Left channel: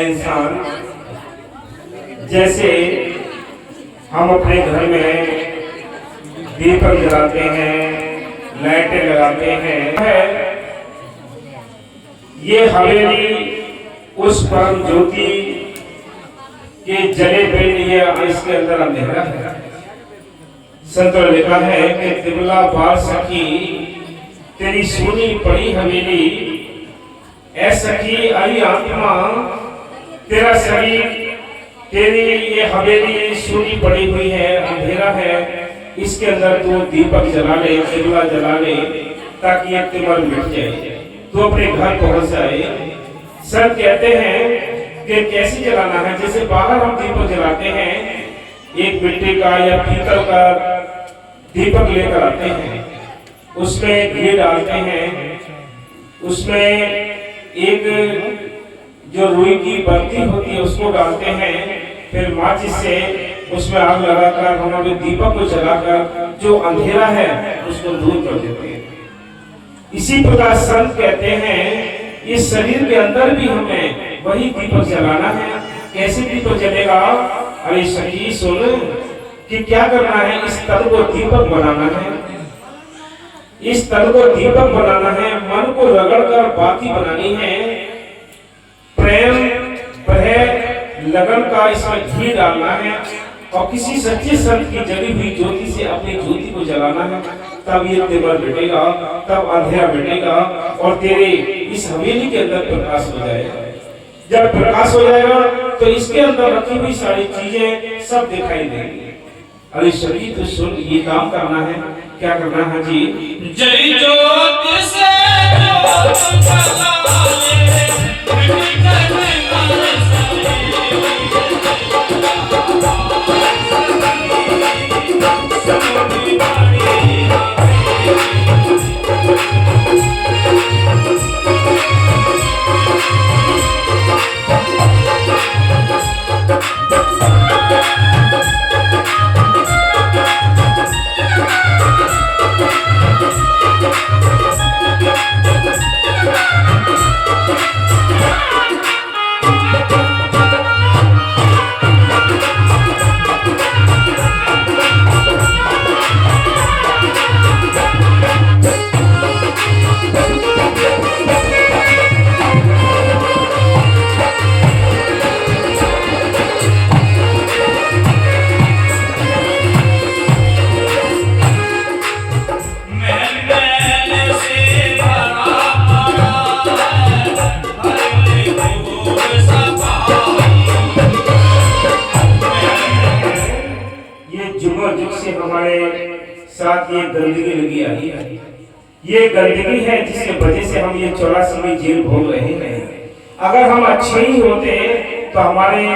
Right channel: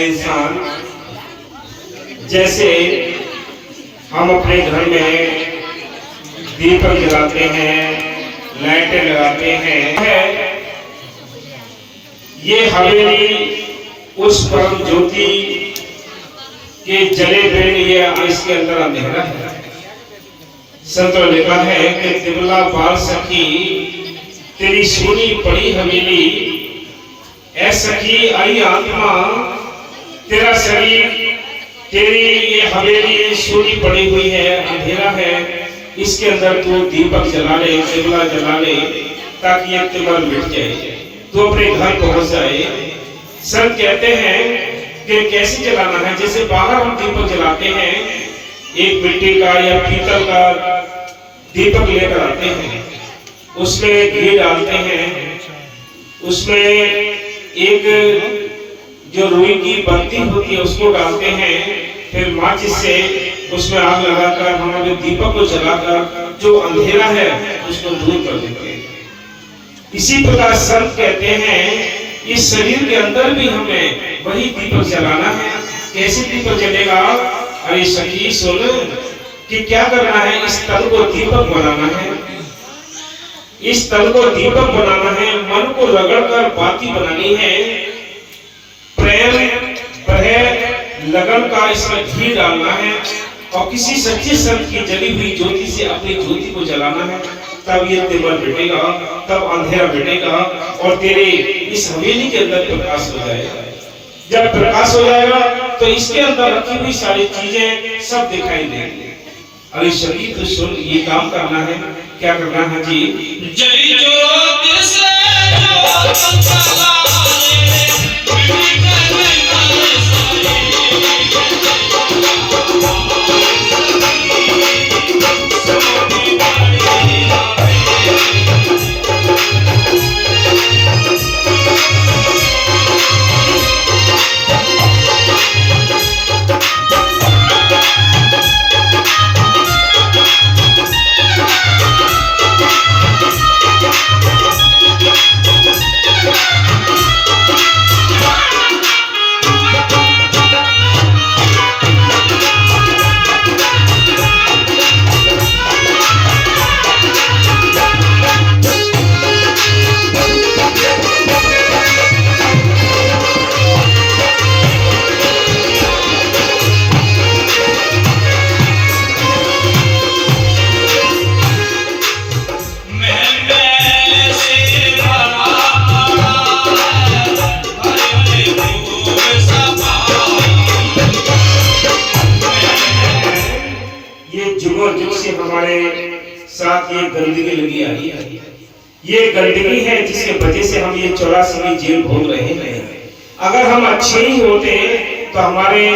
इंसान जैसे हम अपने घर में दीपक जलाते हैं, लाइटें लगाते हैं, ये हवेली उस परम ज्योति के जले बिन ये इसके अंदर अंधेरा है। संतों ने लिखा है कि तिबला बाल सखी तेरी सोनी पड़ी हवेली, ऐ सखी आई आत्मा तेरा शरीर, तेरी ये हवेली सोनी पड़ी हुई है, अंधेरा है, इसके अंदर तू दीपक जला ले, तिबला जला ले, ताकि ये तिमर मिट जाए, तो अपने घर पहुंच जाए। संत कहते हैं कि कैसे जलाना है। जैसे बाहर हम दीपक जलाते हैं, एक मिट्टी का या पीतल का दीपक लेकर आते हैं, उसमें घी डालते हैं, उसमें एक जो रुई की बत्ती होती है उसको डालते हैं, फिर माचिस से उसमें आग लगाकर हमारे दीपक को जलाकर जो अंधेरा है उसको दूर कर देते हैं। इसी प्रकार संत कहते हैं इस शरीर के अंदर भी हमें वही दीपक जलाना है। कैसे दीपक जलेगा? अरे सखी सुन कि क्या करना है, इस तन को दीपक बनाना है, इस तन को दीपक बनाना है, मन को रगड़कर बाती बनानी है, प्रेम प्रेम लगन का इसमें घी डालना है और किसी सच्चे संत की जली हुई ज्योति से अपनी ज्योति को जलाना है। तब ये तिमर मिटेगा, तब अंधेरा मिटेगा और तेरे इस हवेली के अंदर प्रकाश हो जाएगा। जब प्रकाश हो जाएगा तो इसके अंदर रखी हुई सारी चीजें सब दिखाई देंगी। अरे शरीर तो सुन, ये काम करना है। क्या करना है जी? जय ज्योति से ज्योति जलाए, साथ ये गंदगी लगी आई है। ये गंदगी है जिसके वजह से हम ये 84वीं जेल भोग रहे हैं। अगर हम अच्छे ही होते तो हमारे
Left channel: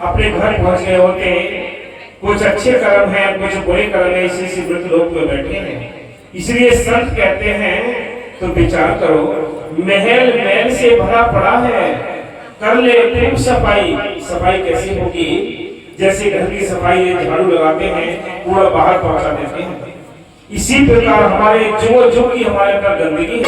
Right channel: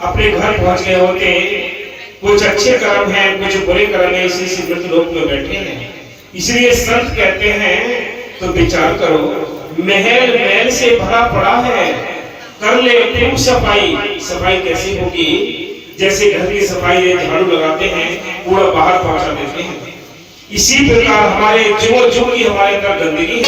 अपने घर पहुंच गए होते। कुछ अच्छे कर्म हैं, कुछ बुरे कर्म हैं, इसी मृत लोक में बैठे हैं। इसलिए संत कहते हैं तो विचार करो, महल मैल से भरा पड़ा है, कर ले खूब सफाई। सफाई कैसे होगी? जैसे घर की सफाई झाड़ू लगाते हैं, कूड़ा बाहर पहुंचा देते हैं, इसी प्रकार हमारे जो जो की हमारे अंदर गंदगी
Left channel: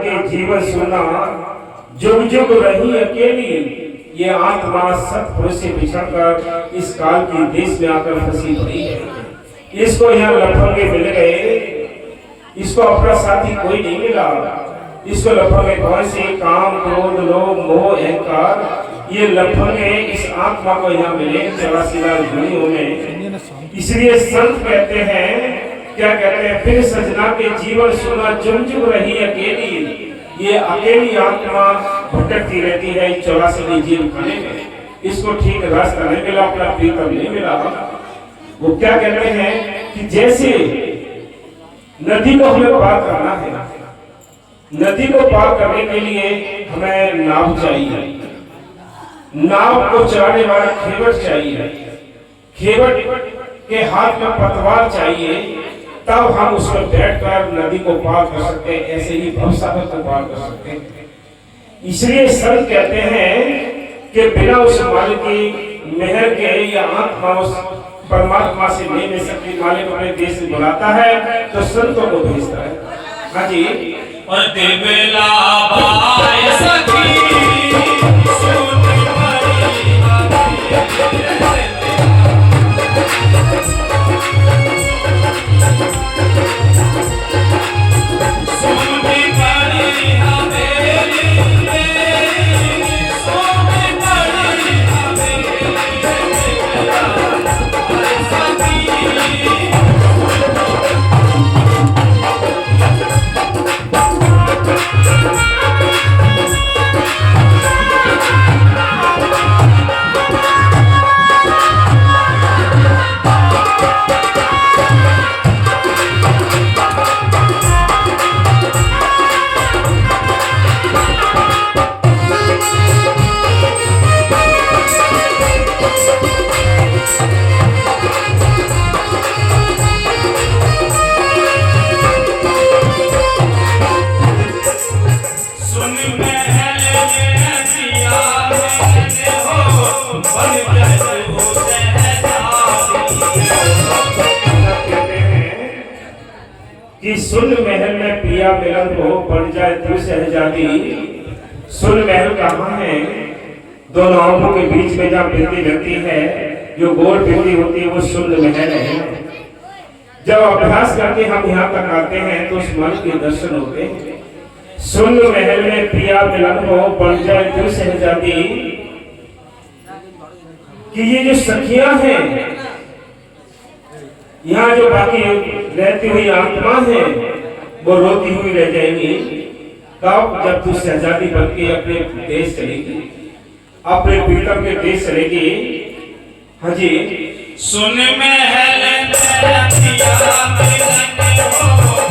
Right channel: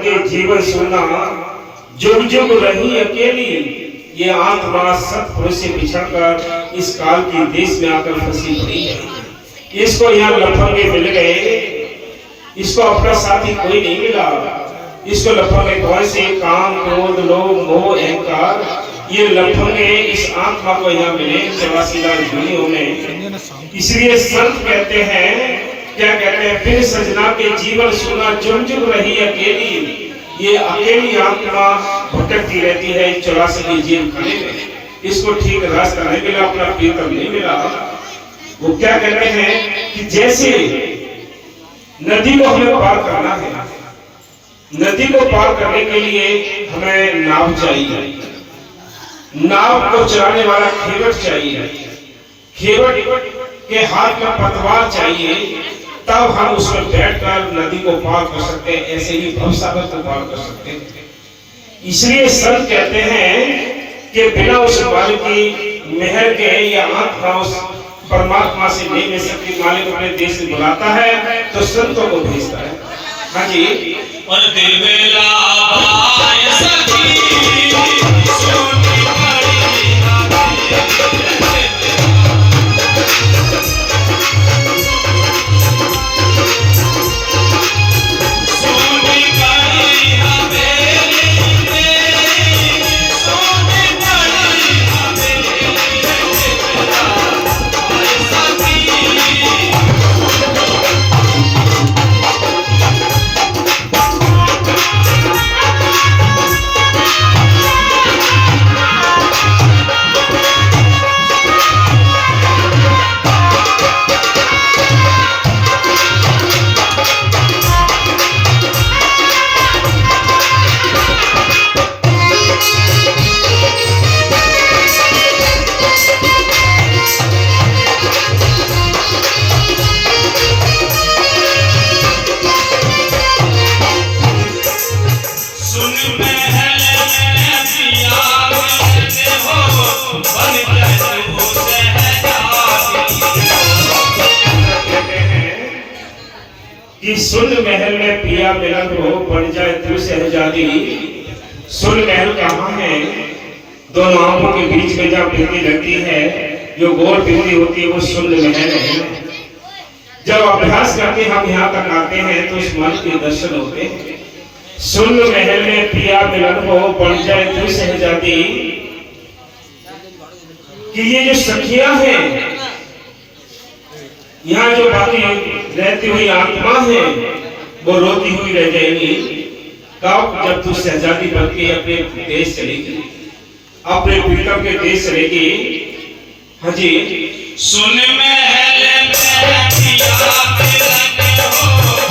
के जीवन सुना, जुग जुग रही अकेली। ये आत्मा सतपुरुष से बिछड़कर इस काल की देश में आकर फंसी पड़ी है। इसको यहाँ लफंगे मिल गए, इसको अपना साथी कोई नहीं मिला। इसको लफंगे कौन से? काम, क्रोध, लोभ, मोह, अहंकार। ये लफंगे इस आत्मा को यहाँ मिले 84 लाख योनियों में। इसलिए संत कहते हैं, क्या कहते हैं? फिर सजना के जीवन सुना, जुग जुग रही अकेली। ये अकेली आत्मा भटकती रहती है 84 की जेल खाने में। इसको ठीक रास्ता नहीं मिला, अपना प्रीतम नहीं मिला। वो क्या कहते हैं कि जैसे नदी को हमें पार करना है, नदी को पार करने के लिए हमें नाव चाहिए। नाव को चलाने वाला खेवट चाहिए। खेवट के हाथ में पतवार चाहिए, तब हम उसमें बैठकर नदी को पार कर सकते हैं। ऐसे ही भवसागर को पार कर सकते हैं। इसलिए संत कहते हैं कि बिना उस मालिक की मेहर के या आत्मा उस परमात्मा से नहीं मिल सकती। मालिक अपने देश से बुलाता है तो संतों को भेजता है। हाँ जी। और दिलवेला बाय सखी सोनी पड़ी सोनी पड़ी हवेली में, सोनी पड़ी हवेली कि सुन महल में पिया मिलन हो, बन जाए तू शहजादी। सुन महल कहाँ है? दोनों आंखों के बीच में जब बिंदी रहती है, जो गोल बिंदी होती है, वो सुन महल है। जब अभ्यास करके हम यहाँ तक आते हैं तो उस मन के दर्शन होते हैं। सुन महल में पिया मिलन हो, बन जाए तू शहजादी। कि ये जो सखियां हैं, यहाँ जो बाकी रहती हुई आत्मा है, वो रोती हुई रह जाएगी। कब? जब तू शहजादी बन के अपने देश चलेगी, अपने प्रीतम के देश चलेगी। हाँ जी। सुन महल में पिया मिलन हो,